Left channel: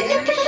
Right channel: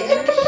কেমনে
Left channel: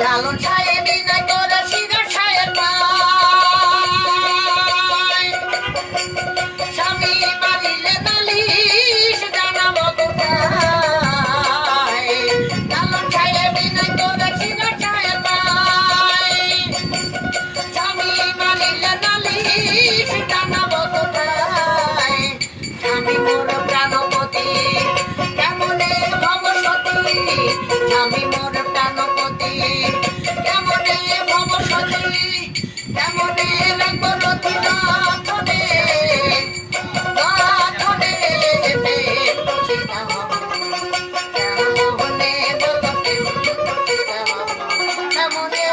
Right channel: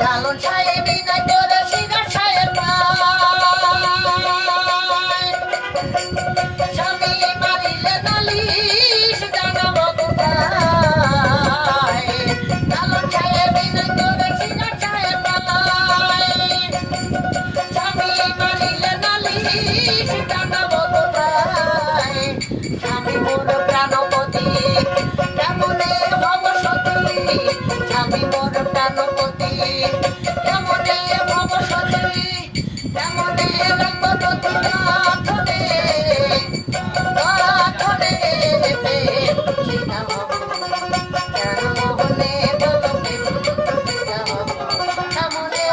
লালন সাহেব বিনা করে সিনা সাহেব স্বামী মারিলে নালিশ জানাবো কোথায়। লালন সাহেব বিনা করে সিনা সাহেব স্বামী মারিলে নালিশ জানাবো কোথায়। স্বামী মোর প্রাণপতি কেমনে ভবসতী, স্বামী মোর প্রাণপতি কেমনে ভবসতী, কেমনে রাখবো নদী রাখনে রাখনে কেমনে বলো কেমনে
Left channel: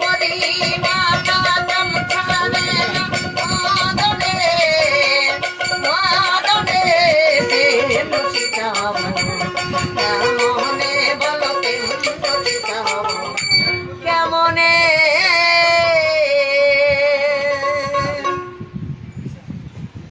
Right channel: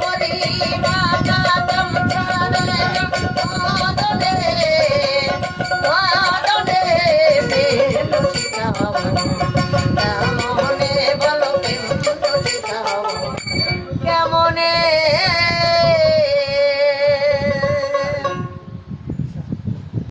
পরিবানা জমছানে মাদনে মাদনে কেমনে